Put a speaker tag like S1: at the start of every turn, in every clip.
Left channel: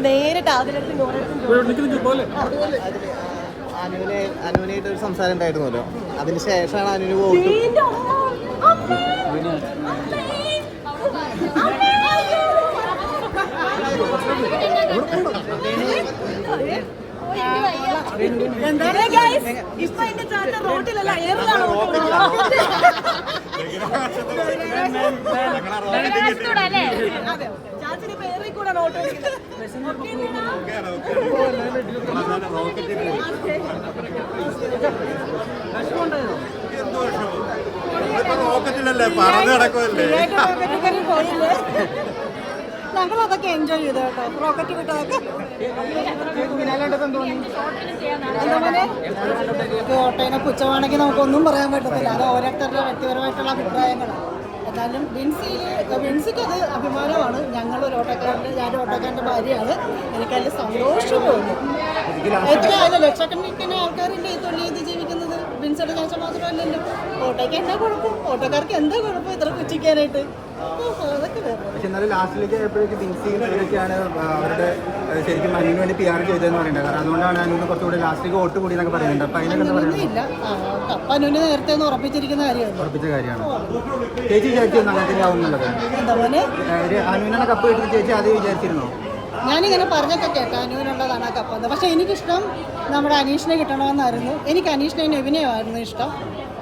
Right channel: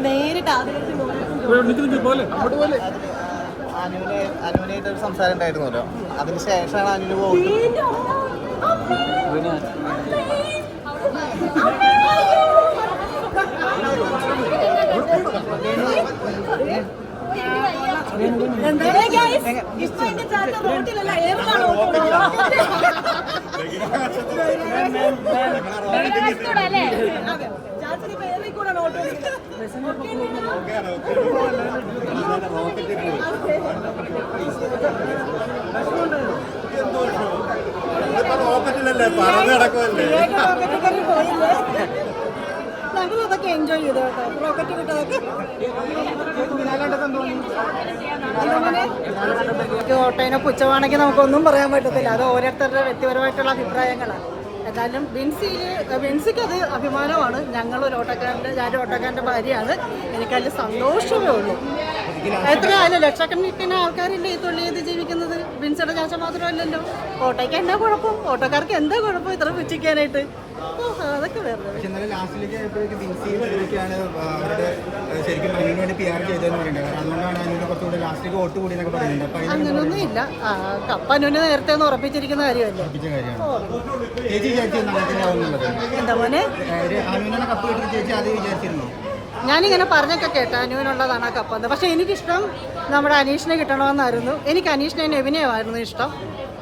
S1: നേരിട്ട് ആദ്യത്തിൽ
S2: അനുവിനെ അനുവിനായിട്ട് ഒരു സംസാരം ഉണ്ടായിരുന്നല്ലോ. അതിന് ശേഷമാണ് അനുവിന്
S1: പോകുന്നത് റോട്ടിലല്ല ഏറിലാണ് അതെ. ചാച്ചന് കൂടെ ഞങ്ങൾ അതൊക്കെ എൻജോയ് ചെയ്തു കേട്ടോ. റോക്കറ്റ് വിട്ടതൊക്കെ. ഓട്ടോനെ പുച്ഛമാണെങ്കിൽ നമുക്കൊന്നും പറയാൻ പറ്റത്തില്ല. അത് ഓരോരുത്തരുടെ വ്യക്തിപരമായിട്ടുള്ള അഭിപ്രായങ്ങളാണ്. എന്നാലും ബിൻസിയിൽ ബിൻസിക്ക് അത് അഭിമാനമാണ്. ഞങ്ങൾ ഒരു ഓട്ടോക്കാരന്റെ ഞാനൊരു ഓട്ടോക്കാരന്റെ ഭാര്യയാണ്. എനിക്കതിൽ സന്തോഷം തോന്നുന്നു എത്ര അല്ല ലക്ഷക്കണക്കിന് ആൾക്കാരില്ലേ ഈ തൊഴിൽ ചെയ്ത് ജീവിക്കുന്നത്? ബിൻസിയുടെ ചാച്ച മാത്രമല്ലല്ലോ. ഓട്ടോയ്ക്ക് എന്താ കുഴപ്പം? ഓട്ടോക്കാർക്ക് എന്താ കുഴപ്പം? ഇത്ര പുച്ഛിക്കാനായിട്ട്.
S2: പക്ഷെ എന്നാലും ലാസ്റ്റിലേക്ക് ആയപ്പോഴേക്ക് ബിൻസിയും ഇവരൊക്കെയാണ് അവരുടെ ശരിക്കും അനുവിന് വേണ്ടി പി ആർ ചെയ്തതെന്ന് പറയുന്നത്. കാരണം അതുകൊണ്ടാണ് അനുവിന് കുറച്ചുകൂടി ലാസ്റ്റിലേക്ക് വോട്ട് കൂടി എന്നൊക്കെ പറയുന്നുണ്ട്. അപ്പൊ അതിനൊക്കെ കപ്പ
S1: അങ്ങനെയൊന്നുമില്ല നേരത്തെ ഉറപ്പിച്ചിരിക്കുന്ന കാര്യമല്ലേ?
S2: ഉറപ്പിച്ച കാര്യമാണ്. ചേച്ചി ചേച്ചി അങ്ങനെ തന്നെ ആവും എന്നുള്ളത്?
S1: എന്താ പോലെ
S2: ഏഹ്, അനുവിനാണ് കപ്പ് കിട്ടുന്ന ചേച്ചി അത് വിചാരിച്ചിരുന്നു?
S1: ഞാനിങ്ങനെ പറഞ്ഞൊക്കെ കേട്ടോ അനുവിനുള്ളതാണ് ആ കപ്പ്. പക്ഷേ എനിക്കിഷ്ടം നമ്മുടെ അനീഷിനെ കിട്ടണമെന്നായിരുന്നു. എനിക്ക് അനീഷിനെ നെവിനെയുമായിരുന്നു ഇഷ്ടം.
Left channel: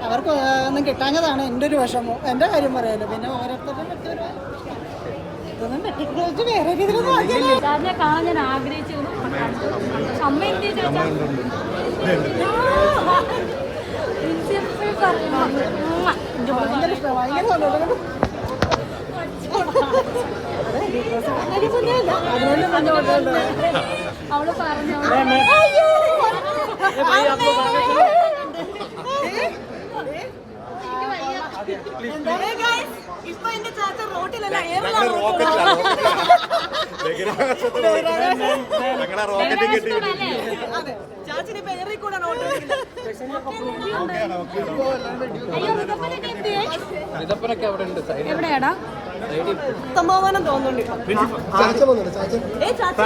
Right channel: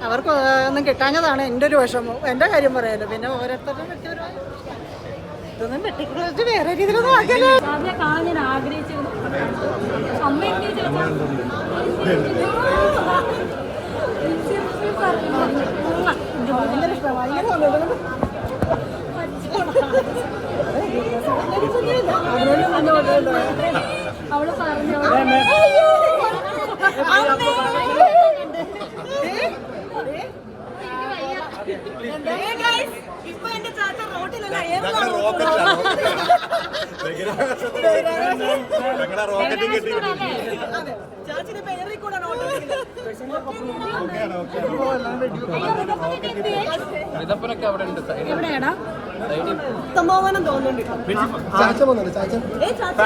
S1: അവർക്ക് ഒന്നും കിട്ടാഞ്ഞതാണ് എന്റെ ഒരു വിഷമം. എന്റെ കാര്യം പറയാലോ. പിന്നെ ഓരോരുത്തരുടെ വ്യക്തിപരമായ ഇതൊന്നും വെട്ടിക്കുറിച്ച് വേറെ രീതിയിലൊന്നും ആക്കിയാലോ.
S3: ഞാൻ ആഗ്രഹിച്ചിരുന്നു
S1: ഭയങ്കര ഇഷ്ടമാണ് ഭയങ്കര
S3: അവൾ പറഞ്ഞു
S1: ഇപ്പൊ എന്റെ ചാച്ച റോട്ടിലല്ല ചാച്ചിന് ഇപ്പൊ ഏറി കൂടെ
S3: എവിടെയാടാ?
S1: സംഭാവനം തോന്നുന്നുണ്ട് ഫാമിലി ഏ, ചാച്ച.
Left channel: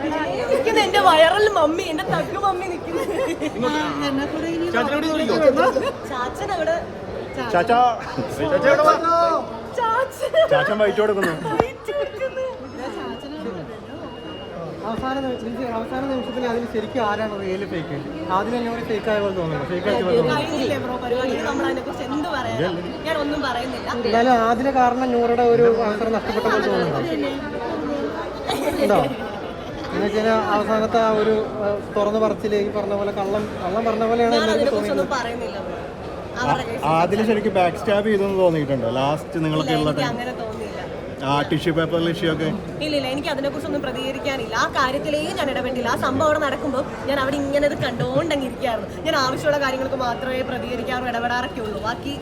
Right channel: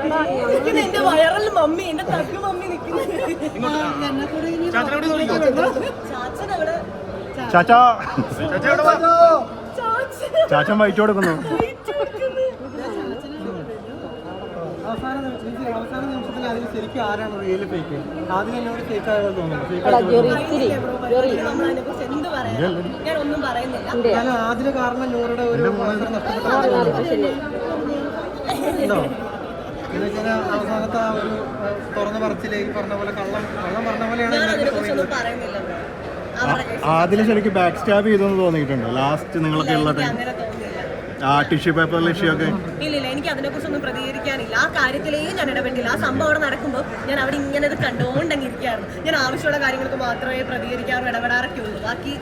S1: ഏ, എന്റെ വയറൽ മമ്മി എന്റെ തക്ക് മമ്മി നിൽക്കുന്നത് ചാച്ചൻ അവിടെ
S2: ചാച്ചാ
S1: ചാച്ചൻ
S2: ചാച്ചൻ. വൈറ്റ് കൊടുക്കുന്നു.
S1: വയറ്റ് വെക്കുന്നു.
S4: അവസാന നിമിഷത്തിൽ അവസാന നിമിഷത്തിൽ അതിൽ ശരിക്കും ആരാണ് റിയൽ ഫേക്ക് ആദ്യം തന്നെ ഒരു ഫേക്ക് ആയ പോലെ തോന്നുന്നു.
S1: ഞാൻ ഒന്നും പറയുന്നില്ല.
S4: എന്നാലും ആദ്യ കാരണം നൂറുടെ ഒരു അവസരം നഷ്ടപ്പെട്ടു. ഉണ്ടോ എന്നുവെച്ചാൽ അവസാനത്തെ ആ ഒരു തുറന്നു പറച്ചിൽ ഈ പറഞ്ഞ പോലെ കള്ളം കള്ളം പറഞ്ഞ പോലെയാണ്
S1: അതിനെ
S4: തോന്നിയത്.
S2: ആദ്യം ശരിക്കും ബാക്ക് സ്റ്റാബ് ചെയ്തെന്ന് തോന്നിയിട്ടുണ്ടോ? ലാസ്റ്റ് നിങ്ങളൊക്കെ ഉള്ള ടൈം ആ ടിഷ്യൂ പേപ്പർ ലക്ഷ്യമൊക്കെ
S1: ഇല്ല ഇല്ല എനിക്ക് അതിനെ കുറിച്ചൊന്നും പ്രതികരിക്കാനില്ല. ആ കാര്യത്തിലേ ഞാൻ ഇടപെട്ടില്ല. ആ സംഭവം അവിടെ നടക്കുമ്പോൾ ഞാൻ അവിടെ ഇങ്ങനെ ഇത് കണ്ടുകൊണ്ടങ്ങ് ഇരിക്കായിരുന്നു ഞാൻ ആവശ്യമുള്ള കാര്യങ്ങൾക്ക് മാത്രമേ പ്രതികരിക്കാറും ഇടപെടാറൊക്കെ ഉള്ളൂ ബാക്കി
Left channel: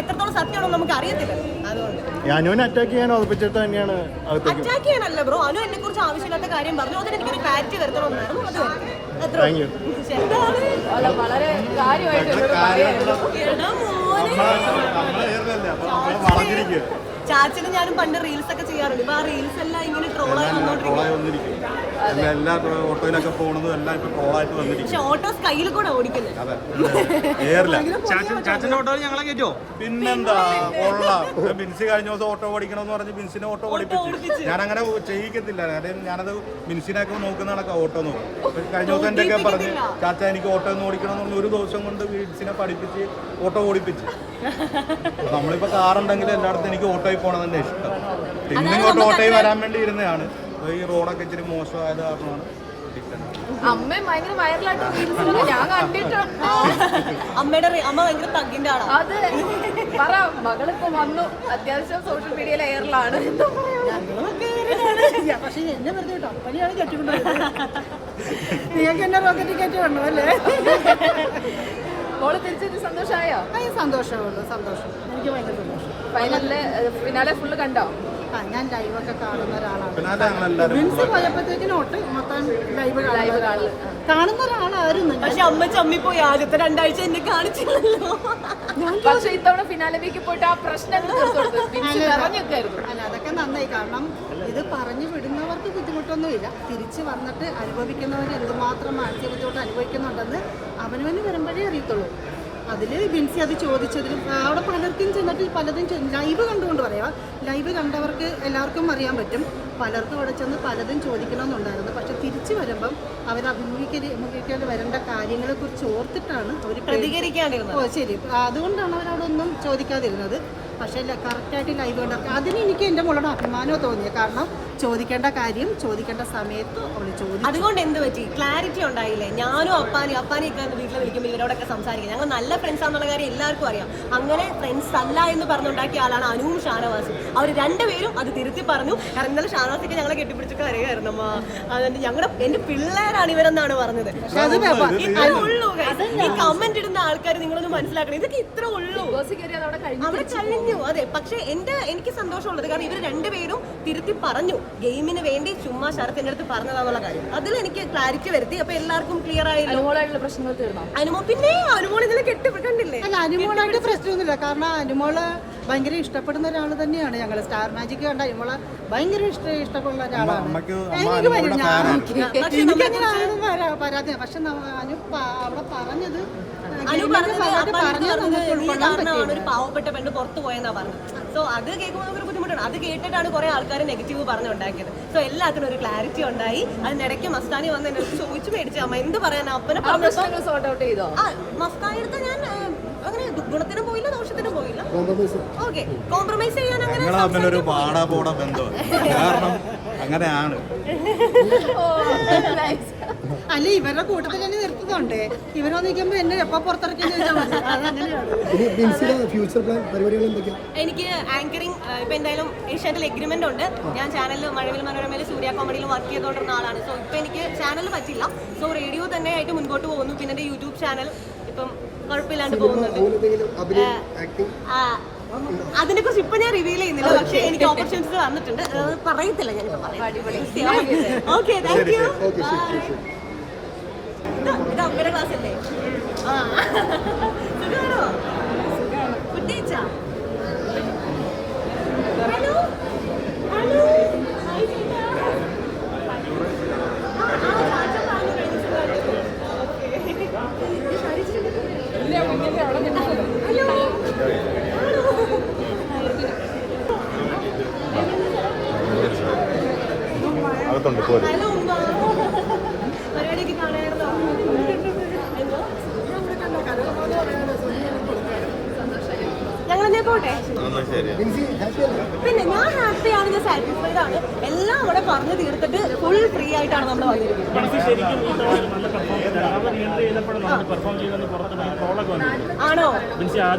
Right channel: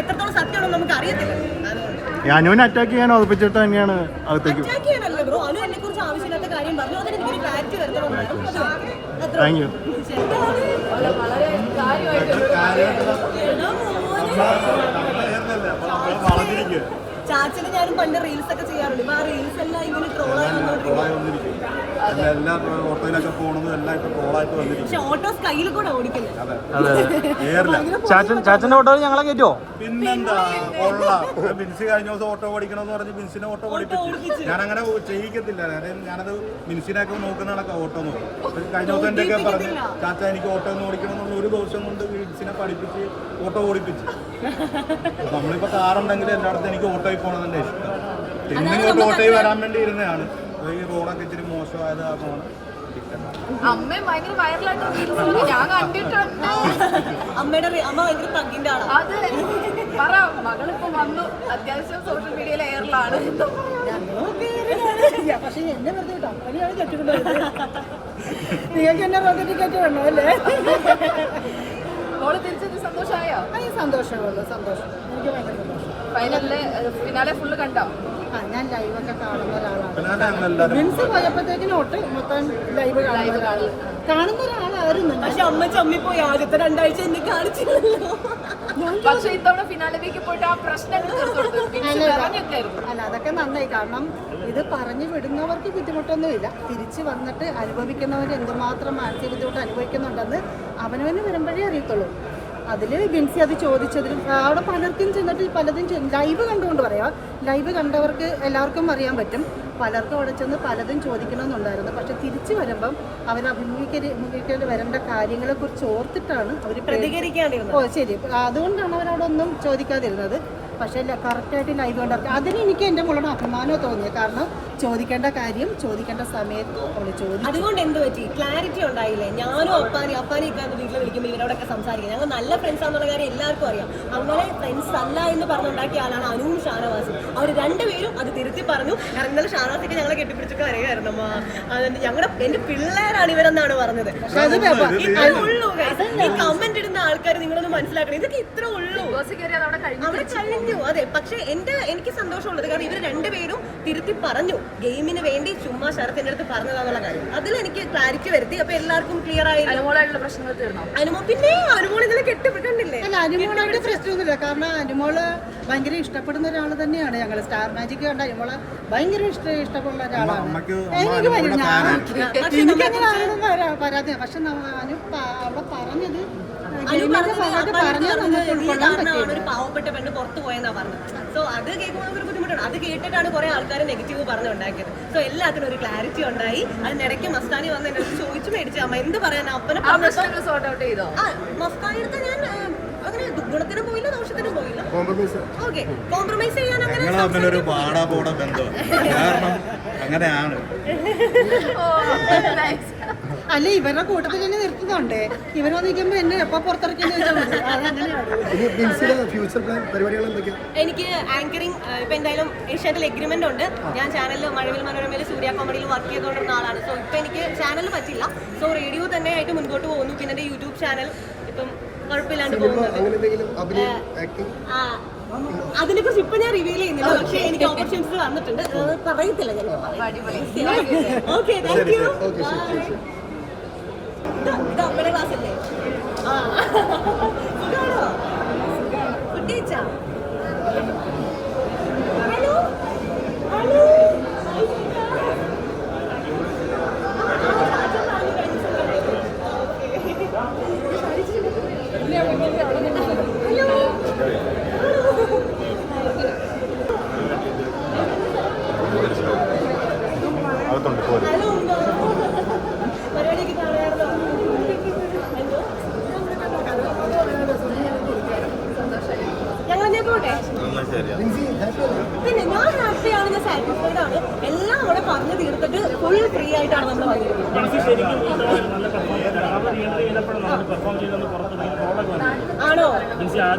S1: എത്രത്തോളം സത്യമാണോ നമുക്ക് അറിയത്തില്ല അതുകൊണ്ട്
S2: അനുവിനെ അറ്റാക്ക് ചെയ്യാൻ ഉറപ്പിച്ചിട്ട് തന്നെയാണ് അകത്തേക്ക്
S1: അറ്റാക്ക് ചെയ്യാനല്ല ബ്രോ അനു എന്നെ കുറിച്ച് ആവശ്യമില്ലാത്ത കാര്യം പറഞ്ഞു. അതിന് എനിക്കൊരു ക്ലാരിറ്റി വരുത്തണമെന്നായിരുന്നു മതി. ചാച്ചന് ഞാനും പണ്ട് റീൽസ് ഒക്കെ ചെയ്യാറുണ്ട്. ഇപ്പൊ ആ റീൽസ് എല്ലാം ഇങ്ങനെ ട്രോളായി വന്നോണ്ടിരിക്കും
S2: എല്ലാ ഓട്ടോയിലൊക്കെ പോണതും എല്ലാം ഇപ്പൊ ട്രോളായിട്ട് വന്നിരിക്കും
S1: പക്ഷെ ഓട്ടോസ് കയ്യിൽ കൂടെ ഓടിക്കുന്നത്
S5: ഓട്ടോയിൽ ഞങ്ങളെ കേറ്റോ
S2: പിന്നെന്താ? ബിൻസി കഴിഞ്ഞ ദിവസം ഓട്ടോ ഓടിക്കണമെന്ന് പറഞ്ഞ് ബിൻസിനെ ഓട്ടോ ഓടിപ്പിച്ചു. ഞാൻ അങ്ങനെ ചെയ്യിക്കത്തില്ല. കാര്യം ഞാനത് ബിൻസിനൊക്കെ നോക്കുന്ന കണക്കാ ഓട്ടോ നോക്കും കഴിഞ്ഞ ദിവസം എന്റെ ഒക്കെ പറഞ്ഞ് ചാച്ച എനിക്ക് ഓട്ടോ ഒന്ന് ഓടിക്കണം എന്നുള്ള ഒരു ദിവസം കൊണ്ട് ബിൻസിനെ പഠിപ്പിച്ച് ഓട്ടോ ഓടിപ്പിച്ച്. നമ്മളിപ്പോ കാറുണ്ടെങ്കിൽ എല്ലായിടത്തും എനിക്ക് ഓട്ടോയിൽ പോകണം തന്നെ ഇഷ്ടം പിന്നെ ഇങ്ങോട്ട് ഓട്ടോയിൽ വരാൻ വേണ്ടി ഇരുന്നതാണ്. അപ്പൊ ഈ റോഡൊക്കെ ഇച്ചിരി മോശമായത് കാരണമാണ്
S1: അമ്മയുടെ അമ്മ ഭയങ്കര തഗ്ഗിന്റെ ആളാണ്
S3: അത് പറ മകളിപ്പോ വന്നു. അത്യാവശ്യം സോഷ്യൽ മീഡിയയിൽ എയറിലാണ്
S1: പക്ഷെ എന്നെ വെറുതെ കേട്ടോ പനിയാണ് കെട്ടിക്കൊണ്ടത് നിങ്ങൾക്ക് എന്നെ റോക്കറ്റ് കയറ്റി വേണോ അല്ലേ
S3: സന്തോഷമായോ?
S1: അത് സന്തോഷമുള്ളൂ സന്തോഷം. എനിക്ക് ഭയങ്കര സന്തോഷം.
S3: ഫൈനലിൽ ഫിനാലെ ഫുള്ള് കണ്ടോ?
S1: ആ ഞാൻ ലൈവൊക്കെ കാണുന്ന ഒരാളാണ്. ബിൻസ് പോയപ്പോഴത്തേക്കിനും ഒട്ട് മൊത്തം ലൈവ് കാണുന്ന ഒരാളാണ് കാണുന്ന ഒരാളായിരുന്നു.
S6: പക്ഷെ അമ്മ ചമ്മി പോയി ആദ്യത്തെ രണ്ടാഴ്ച എന്നെ കാണിച്ചില്ലല്ലോ.
S3: പക്ഷെ ഇത്തവണ ഫിനാലയിലേക്ക് പോയിട്ട് ആ പ്രശ്നം.
S1: അല്ല അതൊക്കെ നന്നായി. കാരണം ഇത് പറഞ്ഞു വിടുന്നവർക്ക് ബുദ്ധിമുട്ടൊന്നുമില്ല. തിരിച്ചു വന്നിട്ട് അനുഭവിക്കുന്നവർ എന്തുമാത്രം മാനസിക ബുദ്ധിമുട്ട് അനുഭവിക്കുന്നുണ്ടെന്ന് അവനവന് വരുമ്പോഴേ അറിയത്തുള്ളൂ. അതിൽ ബിൻസി അത് ചോദിച്ചതിലും അവിടെ പലർക്കും ചെന്നിട്ട് പലതും ലൈവ് കണ്ടുകൊണ്ട് പറയാം. ലൈവ് കണ്ടവർക്ക് എല്ലാവർക്കും അറിയാൻ പറ്റും. പലർക്കും അവിടെ ചെന്ന് പലതും ചോദിക്കണമെന്നുണ്ടായിരുന്നു. പക്ഷെ തിരിച്ചു വരുമ്പം അവർ അഭിമുഖീകരിക്കേണ്ടി അഭിമുഖീകരിക്കേണ്ടി വരേണ്ട കാര്യങ്ങളെക്കുറിച്ച് ഓർത്തിട്ടാണ് അവർ
S6: പ്രതികരിക്കാണ്ടിരുന്നത്
S1: ഓ ശരി. അതുകൊണ്ടാണ് അവരവിടൊന്നും ചോദിക്കാതിരുന്നത്. പക്ഷേ കറക്റ്റായിട്ട് ലൈവ് കണ്ടവർക്ക് അതിന് എനിക്ക് എന്റെ മോളോട് അഭിമാനമോ തോന്നിയത് കാരണം ചോദിക്കേണ്ട കാര്യം ചോദിക്കേണ്ട സമയത്ത് അവൾ ചോദിച്ചു.
S6: അതുകൊണ്ട് എന്ത് പറ്റി? ക്ലാരിറ്റി ഉണ്ടായില്ലേ? ഞാനും അപ്പാനി അപ്പാനി ഒക്കെ എന്റെ വീട്ടിൽ വിളിക്കുമ്പോൾ ഇവരോടൊക്കെ സംസാരിക്കും. ഞങ്ങൾ നല്ല ഫ്രണ്ട്സ് ആണെന്നുള്ള കാര്യം എല്ലാവർക്കും അറിയാം. അങ്ങനെ ഫ്രണ്ട്സ് അല്ല എന്ന് പറഞ്ഞുണ്ടാക്കിയ ആളാണ് അനുവും ഷാനവാസും. അവർ രണ്ടുപേരും അത് തിരുത്തി പറഞ്ഞു. കാരണം ഇന്നലെ ഷാനവാസൊക്കെ ഞങ്ങളെ കെട്ടിപ്പിടിച്ച് കരയായിരുന്നു അമ്മ അതുകൊണ്ട് ഞങ്ങളുടെ എന്റെ പിള്ളേരാണ് ഇവരെന്നാണ് പറഞ്ഞത്. ഇത്ര ഉള്ളൂ. ഈ കമന്റ് ഇടുന്ന ആൾക്കാർ നിങ്ങളൊന്ന് മനസ്സിലാക്കണം. ഇതൊക്കെ ഇത്ര ഉള്ളൂ.
S3: അവിടെ കഴിഞ്ഞു.
S6: അതെ. പക്ഷെ എന്റെ എനിക്ക് സന്തോഷമുള്ളത് കാരണം ഇവർ രണ്ടുപേരും തിരുത്തി പറഞ്ഞു. ഗെയിമിന് വേണ്ടി ചുമ്മാ ശരത്തിന്റെ അടുത്ത് പറഞ്ഞതാന്നുള്ള കാര്യം. അതിൽ എനിക്ക് ക്ലാരിറ്റി വരുത്തി. അപ്പൊ എല്ലാവർക്കും ക്ലിയർ
S3: തീർന്നു?
S6: അനുമോ പിന്നെ അനുമോൾ ഇന്നലെ കെട്ടിപ്പിട്ടുണ്ടില്ലേ
S1: അല്ല അനുമോളായിട്ട് പ്രശ്നമൊന്നുമില്ല. കാരണം അനുമോൾ ഭയങ്കര ഇഷ്ടപ്പെടുന്ന ഒരാൾ തന്നെയാണ് ഞങ്ങൾ സ്റ്റാർ മാജിക് കണ്ട ഇവളെ ഭയങ്കര ഇഷ്ട ഇഷ്ടപ്പെടുന്ന ഒരാളാണ്. എനിക്ക് എനിക്കങ്ങനെ ആരും പരാതി പക്ഷെ അനു അവിടെ പറഞ്ഞത്
S6: പാവപ്പെട്ട പെണ്ണ് പുറത്തു പോയെന്നാ പറഞ്ഞത്. സോ അത് കേൾക്കുമ്പോൾ നമുക്കൊരു ബുദ്ധിമുട്ടാണ്. അത് കേട്ടിട്ടാണ് കുറെ ആൾക്കാർ നെഗറ്റീവ് പറഞ്ഞുണ്ടാക്കിയത് സോ എല്ലാത്തിനും ഒരു ക്ലാരിറ്റി ഉണ്ടായി. അതിനിടയ്ക്ക് മസ്താനി വന്ന് എന്നെ ചോദിച്ചു മേടിച്ചു. അമ്മ എന്ത് പറയാൻ അപ്പനെ മസ്താനി അടുത്ത് ഞാൻ ഓക്കെ കോംപ്രമൈസ് ചെയ്യാൻ അങ്ങനെ
S2: ഞങ്ങൾ തമ്മിലൊരു പാടാ പോട ബന്ധം. കാരണം അങ്ങനെയാണ്.
S1: അല്ല ഇവരുടെ കൂട്ടത്തിൽ തന്നെ നിർത്തുന്നുണ്ട്. ഇവരെ നിൽക്കുമ്പോ എന്നെ എപ്പോ പുറത്തിറക്കി
S6: എനിക്ക് ആങ്കറിങ് ഇപ്പൊ എന്തായാലും ഏഷ്യാറ്റിൽ എഗ്രിമെന്റ് ഉണ്ട്. ഞാൻ ചാനലിൽ മഴവിൽ മനോരമയിൽ സൂര്യ കോമഡിയിൽ വർക്ക് ചെയ്തുകൊണ്ടിരുന്ന ആളാണ്. സോ ഇപ്പൊ എനിക്ക് ചാനൽ പറ്റില്ല സോ റേഡിയോ തന്നെ ആയിട്ട് മുൻപോട്ട് പോകുന്നു. പിന്നെ എന്റെ യൂട്യൂബ് ചാനൽ ഇപ്പം കുഴപ്പമില്ലാണ്ട് പോകുന്നത്. അതിനെ കുറിച്ച് ഇപ്പൊ ഞാൻ റിവീൽ ചെയ്യുന്നില്ല. പക്ഷെ എനിക്ക് ഓപ്പർച്യൂണിറ്റി വന്നിട്ടുണ്ട്. പറയത്തില്ല ഞാൻ ഓക്കെ. താങ്ക് യു ഇത് അമ്മയുടെ ക്ലാസ് അല്ലേ? ആ.
S2: ശരിയാ.
S6: പിന്നെ ഞാൻ ഹാപ്പിയാണ് ഞാൻ സാറ്റിസ്ഫൈഡ് ആണ്. എല്ലാം അവിടെ പറഞ്ഞു തീർത്തിട്ട് ഫുൾ ഫ്രീ ആയിട്ടാണ് നമ്മൾ വന്നിരിക്കുന്നത്. ആണോ?